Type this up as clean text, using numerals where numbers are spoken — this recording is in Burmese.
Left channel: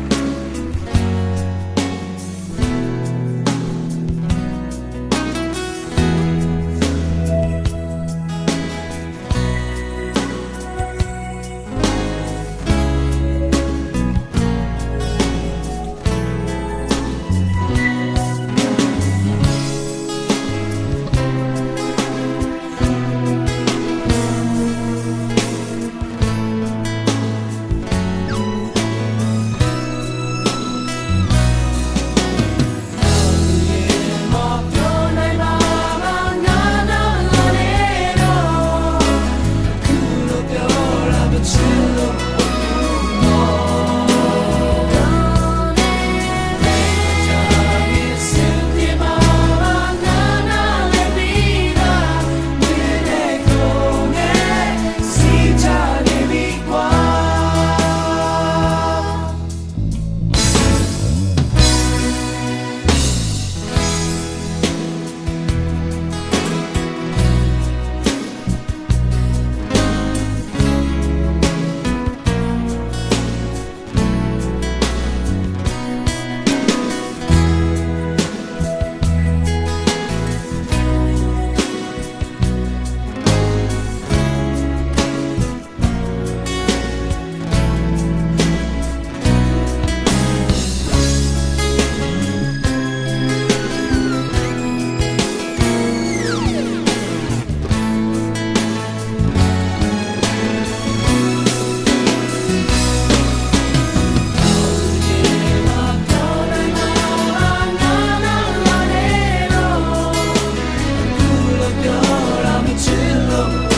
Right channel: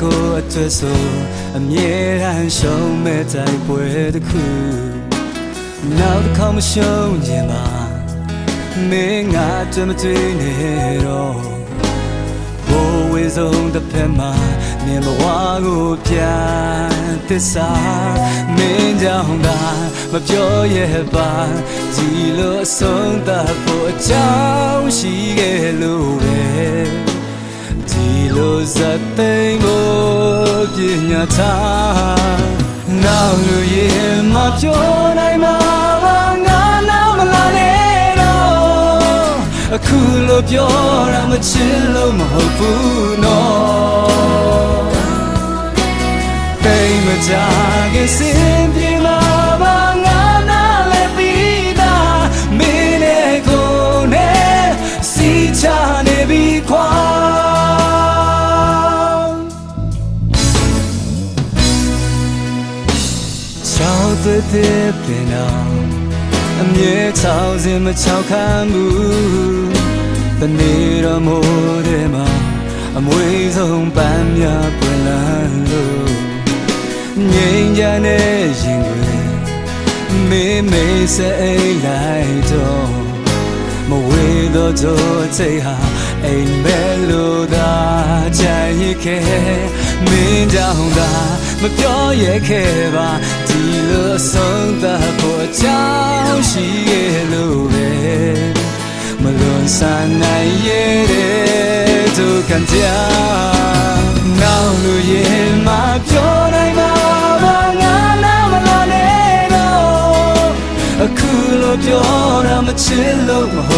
ကိုအတွက်ဆိုအမြဲတမ်းရှုံးမဲ့တိုင်းပွဲတစ်ခုနောက်ခေါမရှုံးခြင်းပါမင်းငါတမတွေ့နေတော့ဘိုးဝေဆုံးတစ်ပြက်မှာနေဘဝကိုပြန်သစ္စာမင်းကြောင့်ပါမပြောရပါဒီလိုအဆုံးသတ်ဖို့အကြောင်းရှိခဲ့လို့ပဲဒီလိုဇတ်သိမ်းကိုပြညာထားနောက်လူရင်မပြောနိုင်မှာငါနောက်မလာနဲ့တော့အခုလိုပြောရမချင်လို့မဟုတ်ဘူးနော်အမြဲချောင်းစင်မချောင်းခံဘူးတနေ့တော့မိုးတဲ့မှာအမွေဆုံးပန်းများပြန်လာလို့ငြိမ်းချမ်းတဲ့ရင်တွေမေးမေးစအိမ်လိုက်တော့မဝေးတော့တော့စိတ်ဟာအိမ်ပဲလို့သာချင်ရခဲ့မင်းကြောင့်သာမပြောရခဲ့ပါဆုံးသတ်ဖို့ကြောင်းရှိရဲ့လို့ပဲမလို့ဆန်းနိုင်ရဲ့သူကကြနောက်လူရဲ့မပြောနိုင်ပါငါနောက်မလာနဲ့တော့အခုလိုပြောရမချင်လို့